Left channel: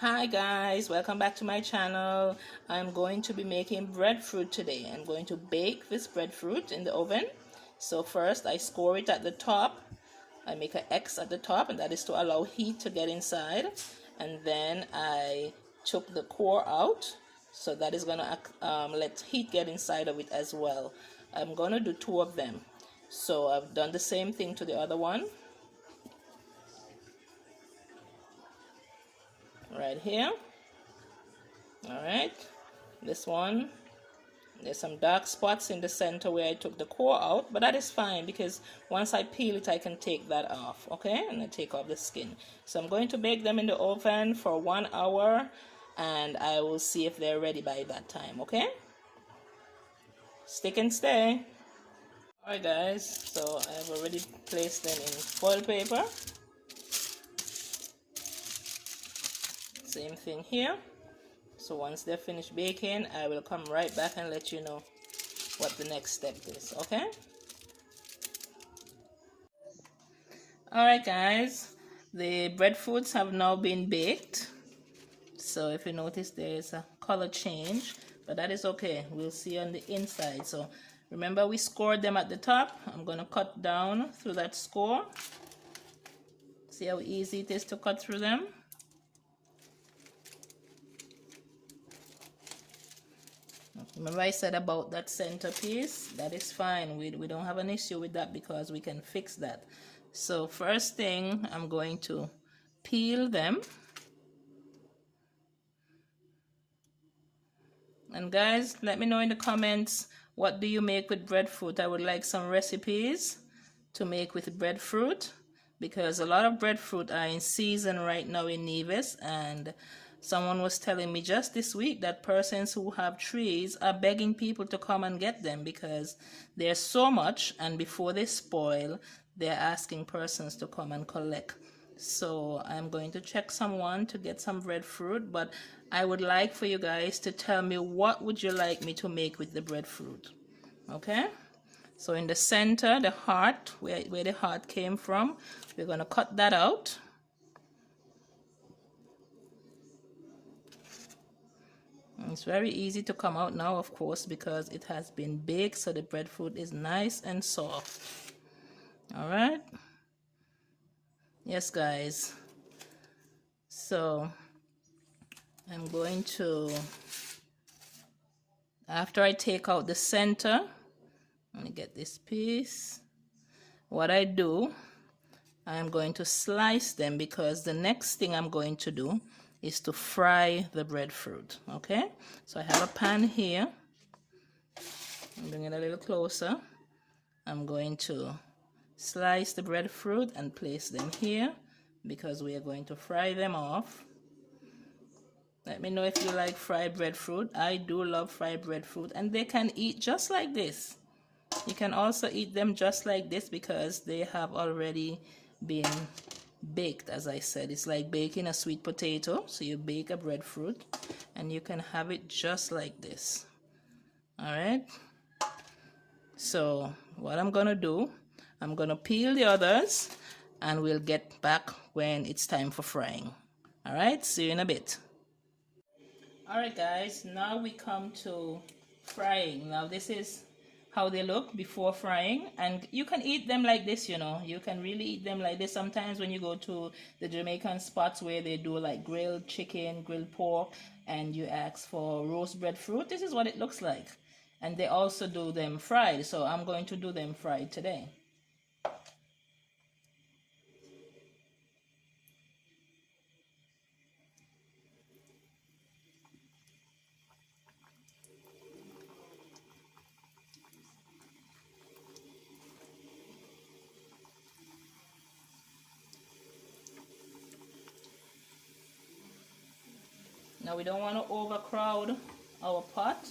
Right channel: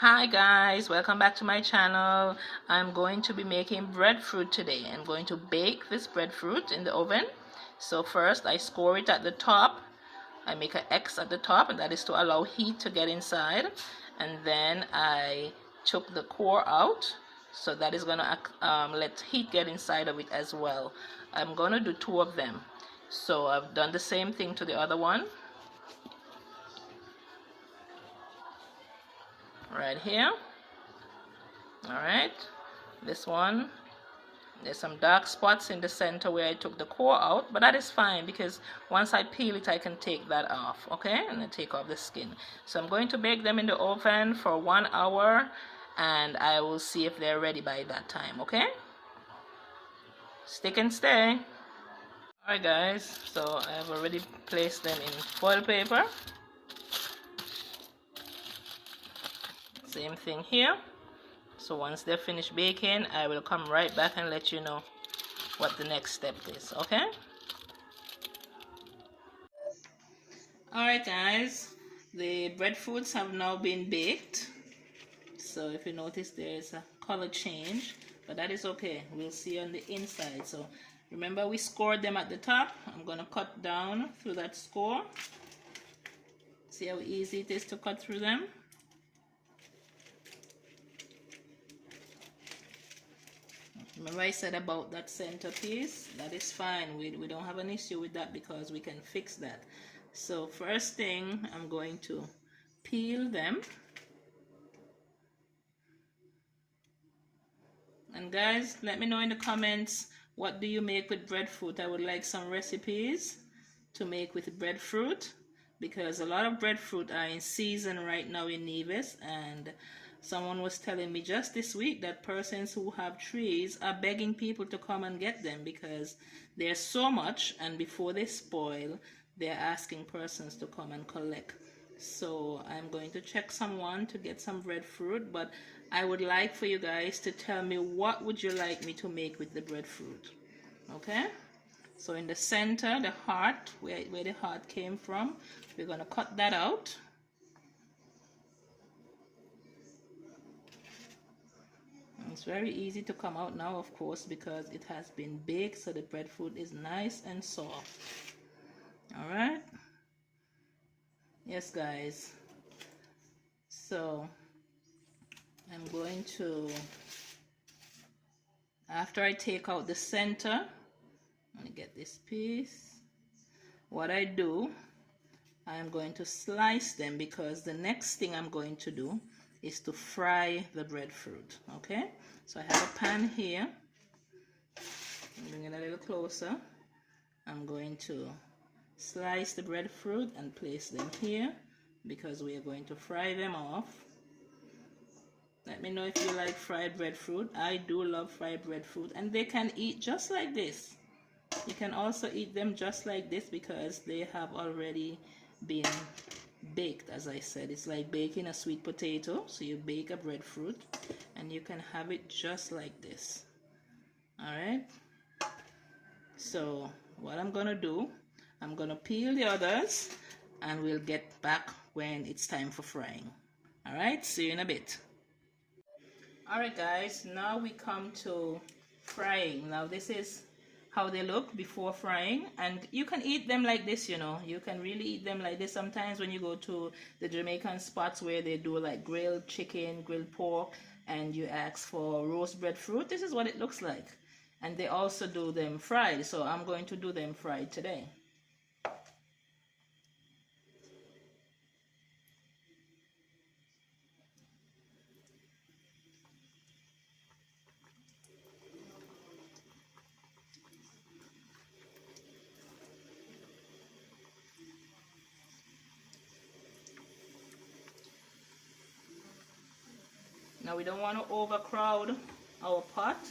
Hi guys, welcome back to my channel. I'm going to be making breadfruit today. I'm going to bake this breadfruit in the oven. So first I score it at the top. I make an X at the top, and that is to allow heat to get inside. And then I took the core out, so that is going to let heat get inside of it as well. I'm going to do two of them. So I've done the same thing to the other one. Right here. Alright, this one, there's some dark spots in the center where I took the core out, but that is fine because once I peel it I can take that off, okay, and then take off the skin. So I'm going to bake them in the oven for 1 hour, and I will see if they're ready by that time, okay? Stick and stay. Alright guys, so I have already placed them in foil paper. Same thing here. So once they're finished baking, I will come right back and let you know what the next step is, okay? Alright guys, the breadfruits have now been baked. So if you notice, there's a color change, but that is okay. We'll see on the inside. So remember, we scored them at the top. I'm going to cut down through that score. See how easy it is to cut through them? Remember I said about that center piece? That is fine. We don't have an issue with that because we can fix that. So first thing, I'm going to peel them. And guys, let me know in the comments, what do you make with breadfruit? I would like some recipes to make with breadfruit, because a lot of breadfruit are in season right now in Nevis, and someone was telling me just this week that persons who have trees are begging people to come and get them because there's so much, and before they spoil, they're asking persons to come and collect. So I'm going to check someone to get some breadfruit, but I would like for you guys to tell me, what would you like me to make with the breadfruit? Okay, so in the center, the heart, where the heart came from, we're going to cut that out. It's very easy to come out now, of course, because it has been baked, so the breadfruit is nice and soft. All right. Yes, guys. So I'm going to, after I take out the center, let me get this piece. What I do, I'm going to slice them, because the next thing I'm going to do is to fry the breadfruit. Okay, so I have a pan here. Bring it a little closer. I'm going to slice the breadfruit and place them here because we are going to fry them off. Let me know if you like fried breadfruit. I do love fried breadfruit, and they can eat just like this. You can also eat them just like this because they have already been baked. As I said, it's like baking a sweet potato. So you bake a breadfruit and you can have it just like this. All right, so what I'm gonna do, I'm gonna peel the others and we'll get back when it's time for frying. All right, see you in a bit. All right guys, now we come to frying. Now this is how they look before frying, and you can eat them like this, you know. You can really eat them like this. Sometimes when you go to the Jamaican spots where they do like grilled chicken, grilled pork, and you ask for roast breadfruit, this is what it looks like. And they also do them fried, so I'm going to do them fried today. Now we don't want to overcrowd our pot,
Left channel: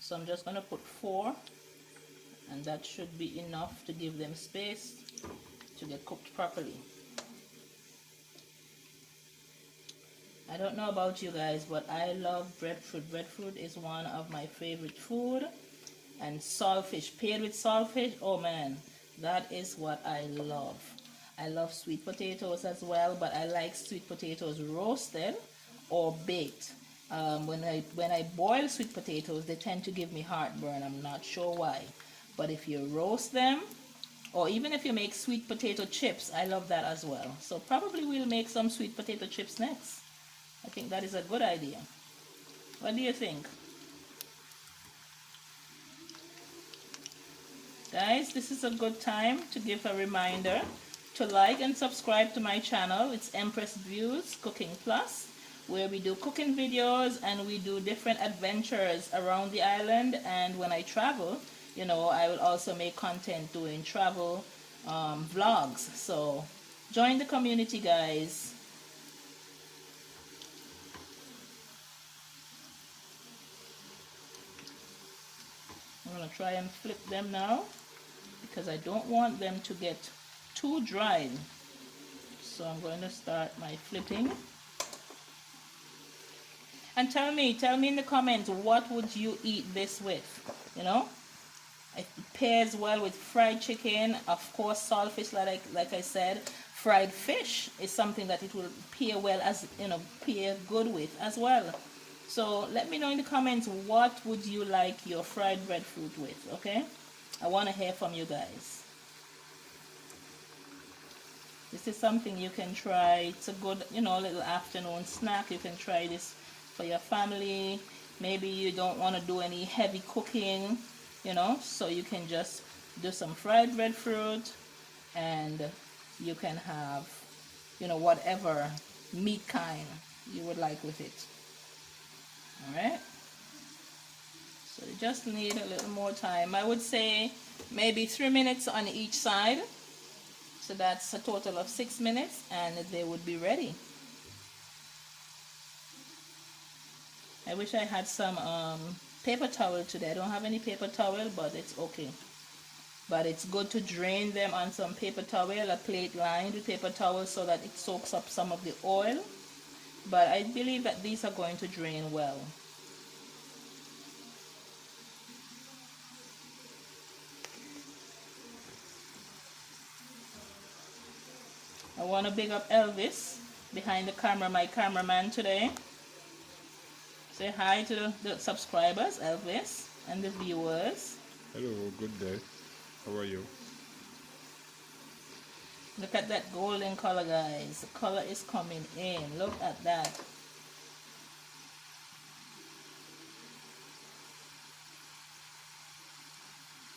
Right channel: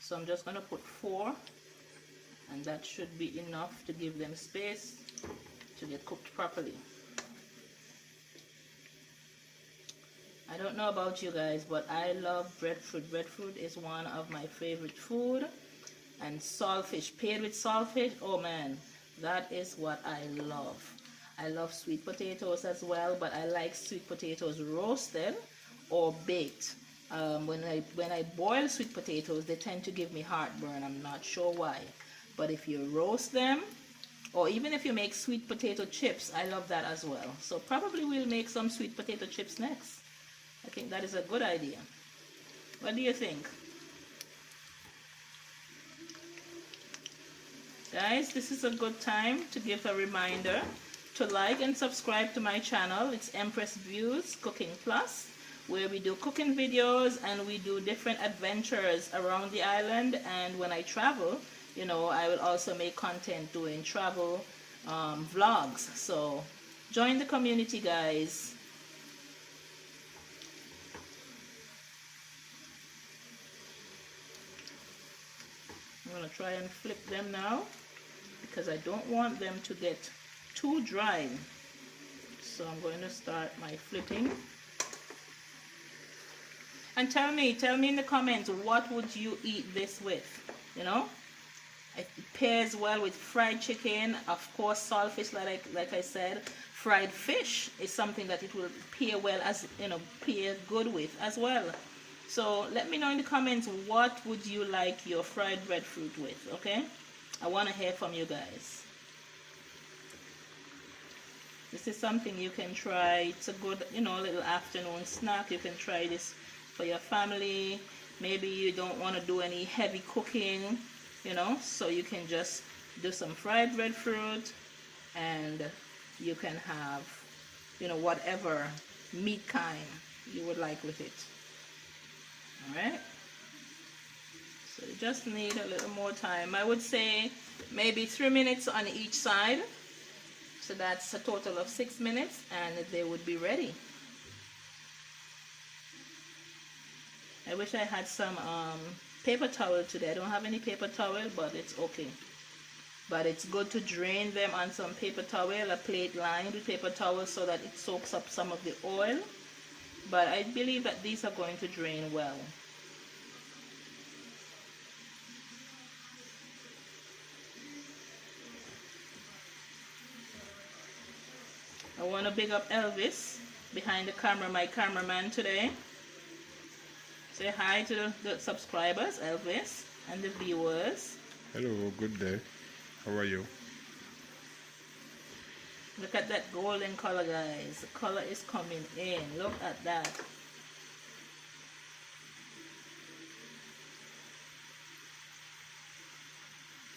so I'm just going to put 4, and that should be enough to give them space to get cooked properly. I don't know about you guys, but I love breadfruit. Breadfruit is one of my favorite food. And saltfish, paired with saltfish, oh man, that is what I love. I love sweet potatoes as well, but I like sweet potatoes roasted or baked. When I boil sweet potatoes, they tend to give me heartburn. I'm not sure why. But if you roast them, or even if you make sweet potato chips, I love that as well. So probably we'll make some sweet potato chips next. I think that is a good idea. What do you think? Guys, this is a good time to give a reminder to like and subscribe to my channel. It's Empress Views Cooking Plus, where we do cooking videos and we do different adventures around the island. And when I travel, you know, I will also make content doing travel vlogs. So join the community, guys. I'm going to try and flip them now, because I don't want them to get too dry. So I'm going to start my flipping. And tell me in the comments, what would you eat this with? You know, it pairs well with fried chicken, of course, saltfish, like I said. Fried fish is something that it will pair well, as you know, pair good with as well. So let me know in the comments, what would you like your fried breadfruit with? Okay, I want to hear from you guys. This is something you can try. It's a good, you know, little afternoon snack. You can try this for your family. Maybe you don't want to do any heavy cooking, you know, so you can just do some fried breadfruit, and you can have, you know, whatever meat kind you would like with it. All right, so you just need a little more time. I would say maybe 3 minutes on each side. So that's a total of 6 minutes, and they would be ready. I wish I had some paper towel today. I don't have any paper towel, but it's okay. But it's good to drain them on some paper towel, a plate lined with paper towel, so that it soaks up some of the oil. But I believe that these are going to drain well. I want to big up Elvis behind the camera, my cameraman today. Say hi to the subscribers, Elvis, and the viewers. Hello, good day. How are you? Look at that golden color, guys. The color is coming in. Look at that.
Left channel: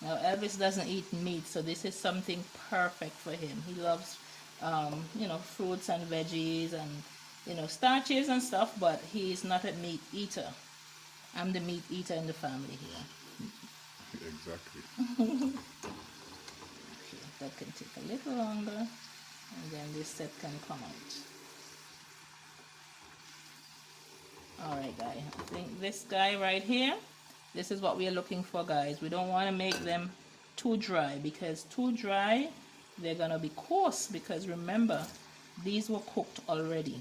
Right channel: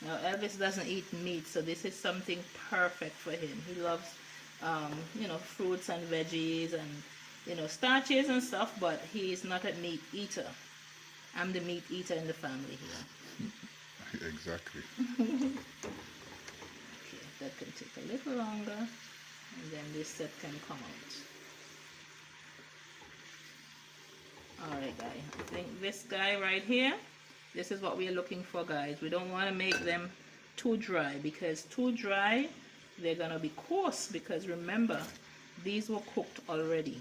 Now, Elvis doesn't eat meat, so this is something perfect for him. He loves, you know, fruits and veggies and, you know, starches and stuff, but he is not a meat eater. I'm the meat eater in the family here. Exactly. Okay, that can take a little longer, and then this set can come out. Alright, guys, I think this guy right here, this is what we are looking for, guys. We don't want to make them too dry, because too dry, they're gonna be coarse, because remember, these were cooked already,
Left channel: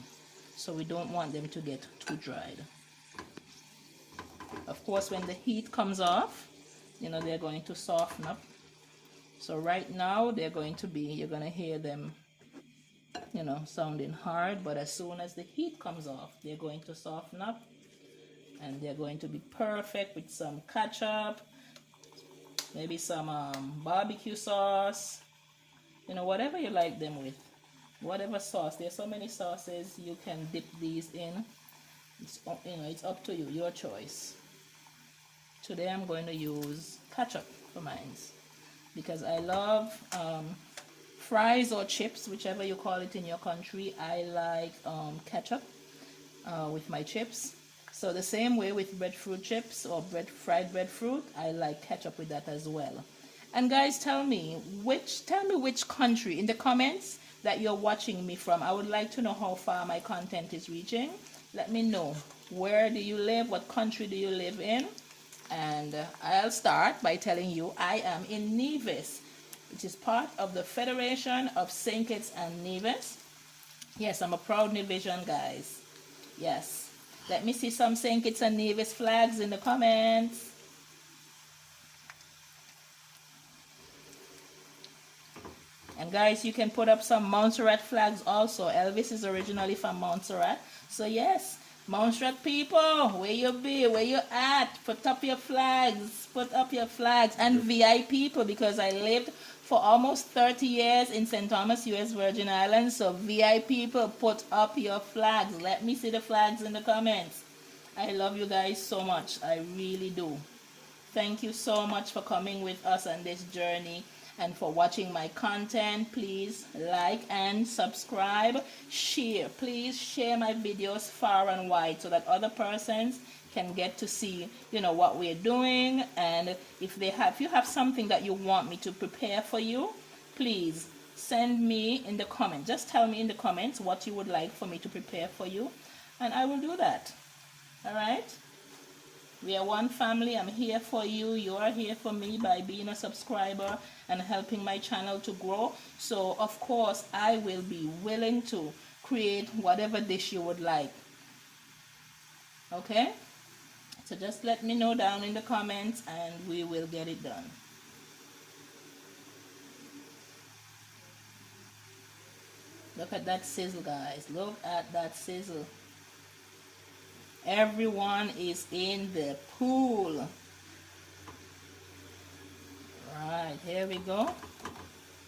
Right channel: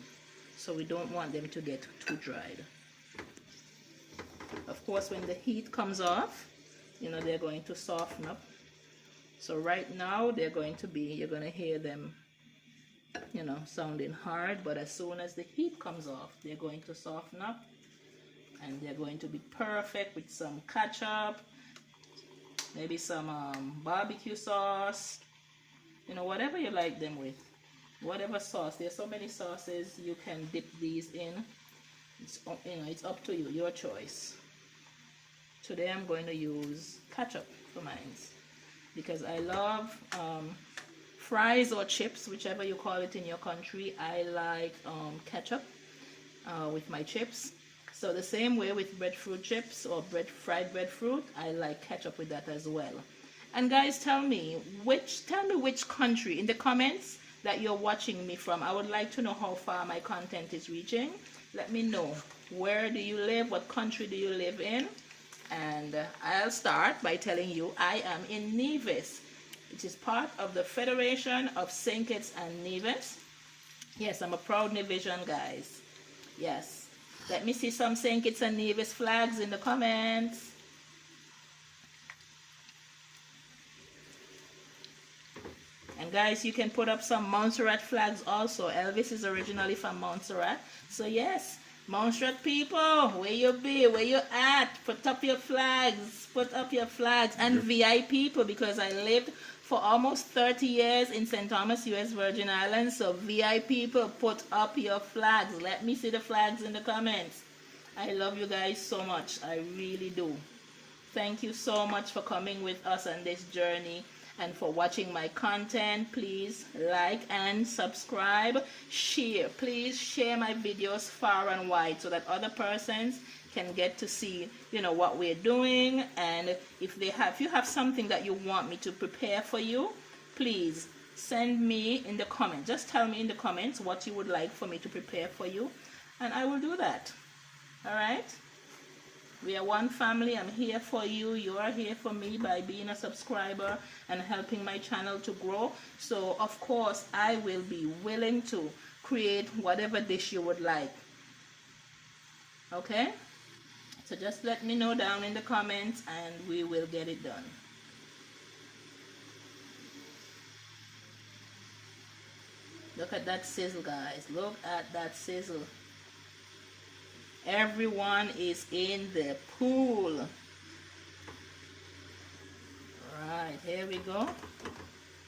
so we don't want them to get too dried. Of course, when the heat comes off, you know, they're going to soften up. So right now they're going to be, you're going to hear them, you know, sounding hard, but as soon as the heat comes off, they're going to soften up, and they're going to be perfect with some ketchup, maybe some barbecue sauce, you know, whatever you like them with, whatever sauce. There's so many sauces you can dip these in. It's, you know, it's up to you, your choice. Today I'm going to use ketchup for mine, because I love fries or chips, whichever you call it in your country. I like ketchup with my chips. So the same way with breadfruit chips or fried breadfruit, I like ketchup with that as well. And guys, tell me which country in the comments that you're watching me from. I would like to know how far my content is reaching. Let me know. Where do you live? What country do you live in? And I'll start by telling you I am in Nevis, which is part of the Federation of St. Kitts and Nevis. Yes, I'm a proud Nevisian, guys. Yes. Let me see some St. Kitts and Nevis flags in the comments. And guys, you can put up some Montserrat flags also. Elvis is originally from Montserrat. So yes, Montserrat people, where you be? Where you at? Put up your flags. Put up your flags. And Yep. VI people, because I lived for almost 30 years in St. Thomas, U.S. Virgin Islands. So VI people, put up your flags. Let me see the flags in the comments. I love you guys so much. I really do. Thank you so much for coming with us on this journey and for watching my content. Please like and subscribe. Share. Please share my videos far and wide so that other persons can get to see, what we're doing. And if you have something that you want me to prepare for you, please send me in the comments. Just tell me in the comments what you would like for me to prepare for you, and I will do that. All right? We are one family. I'm here for you. You are here for me by being a subscriber and helping my channel to grow. So, of course, I will be willing to create whatever dish you would like. Okay? So just let me know down in the comments and we will get it done. Look at that sizzle, guys. Look at that sizzle. Everyone is in the pool. Right, here we go.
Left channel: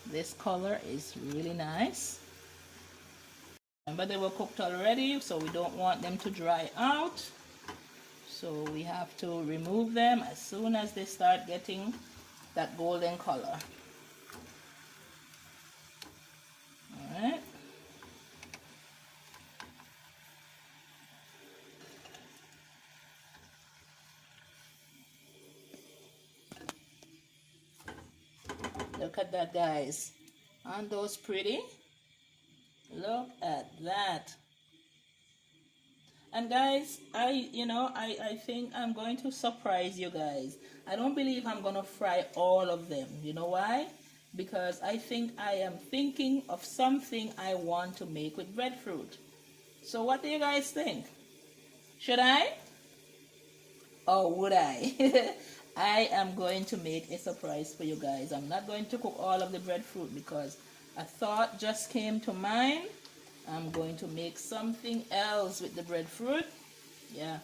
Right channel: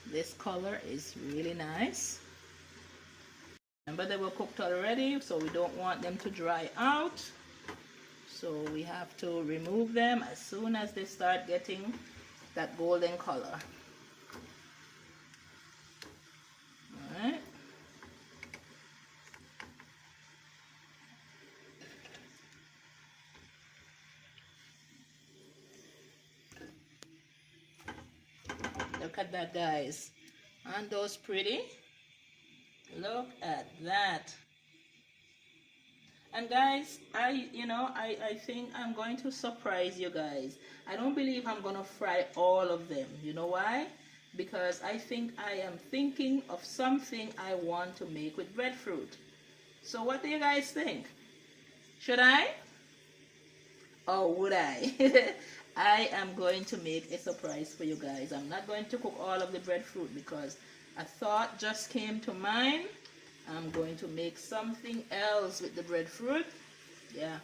This color is really nice. Remember, they were cooked already, so we don't want them to dry out. So we have to remove them as soon as they start getting that golden color. All right. Look at that, guys. Aren't those pretty? Look at that. And guys, I think I'm going to surprise you guys. I don't believe I'm going to fry all of them. You know why? Because I think I am thinking of something I want to make with breadfruit. So what do you guys think? Should I? Or would I? I am going to make a surprise for you guys. I'm not going to cook all of the breadfruit because a thought just came to mind. I'm going to make something else with the breadfruit. Yeah.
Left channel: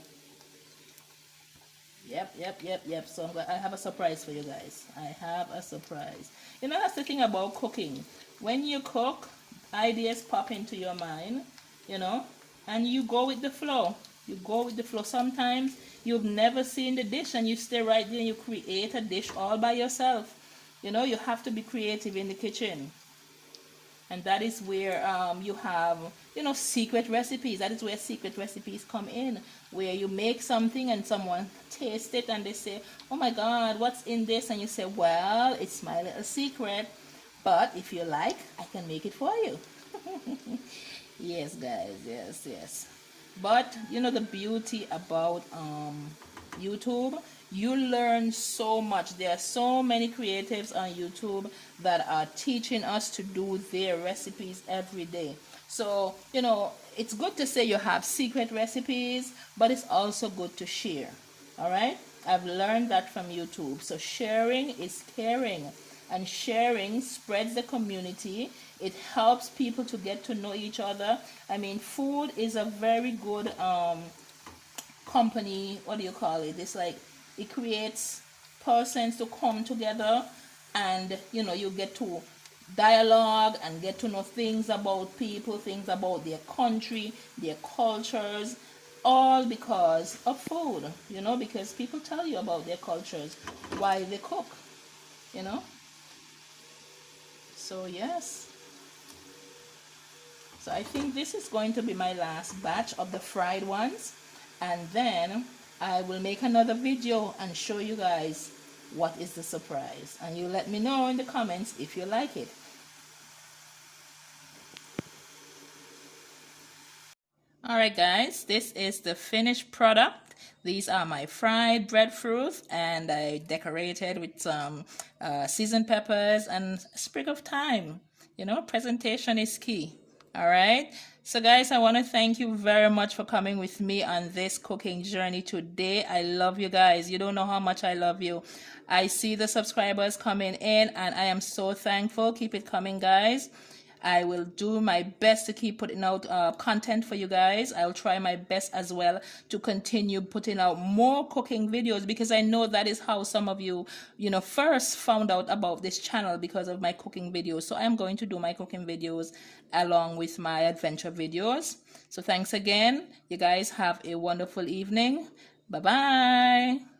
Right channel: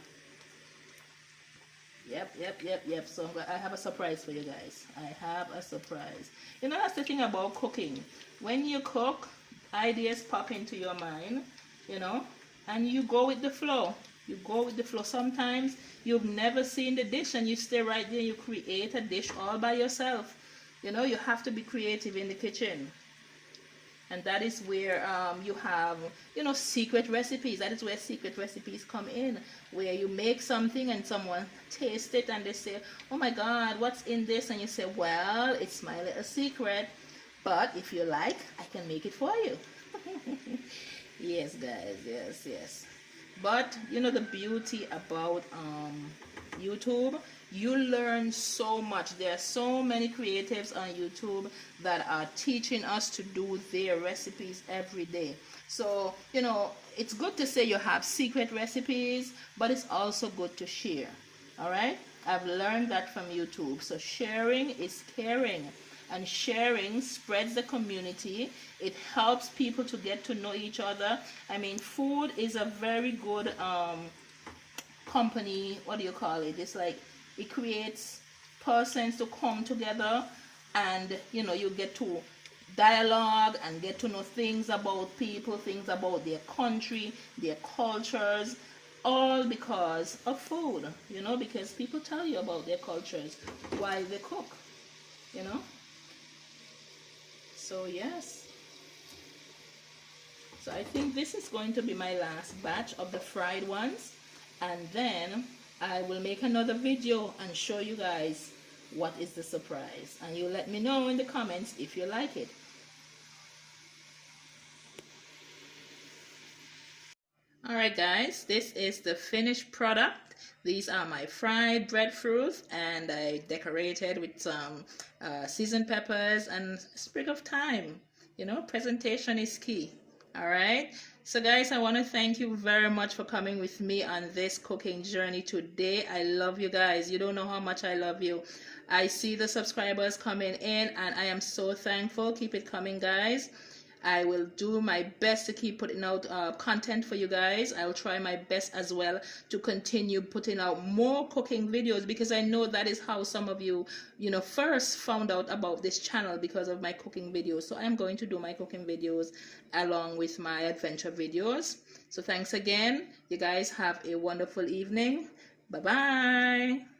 Yep. So I have a surprise for you guys. I have a surprise. That's the thing about cooking. When you cook, ideas pop into your mind, and you go with the flow. You go with the flow. Sometimes you've never seen the dish and you stay right there and you create a dish all by yourself. You have to be creative in the kitchen. And that is where you have, secret recipes. That is where secret recipes come in, where you make something and someone tastes it and they say, oh my God, what's in this? And you say, well, it's my little secret, but if you like, I can make it for you. Yes, guys, yes. But, the beauty about YouTube, you learn so much. There are so many creatives on YouTube that are teaching us to do their recipes every day. So, it's good to say you have secret recipes, but it's also good to share. All right? I've learned that from YouTube. So sharing is caring, and sharing spreads the community. It helps people to get to know each other. I mean, food is a very good company. What do you call it? It's like it creates persons to come together, and you get to dialogue and get to know things about people, things about their country, their cultures, all because of food. Because people tell you about their cultures while they cook. So yes. So I think this is going to be my last batch of the fried ones, and then I will make another video and show you guys what is the surprise, and you let me know in the comments if you like it. Alright guys, this is the finished product. These are my fried breadfruit, and I decorated with some seasoned peppers and a sprig of thyme. Presentation is key. Alright, so guys, I want to thank you very much for coming with me on this cooking journey today. I love you guys. You don't know how much I love you. I see the subscribers coming in and I am so thankful. Keep it coming, guys. I will do my best to keep putting out content for you guys. I'll try my best as well to continue putting out more cooking videos, because I know that is how some of you, first found out about this channel, because of my cooking videos. So I'm going to do my cooking videos along with my adventure videos. So thanks again. You guys have a wonderful evening. Bye bye.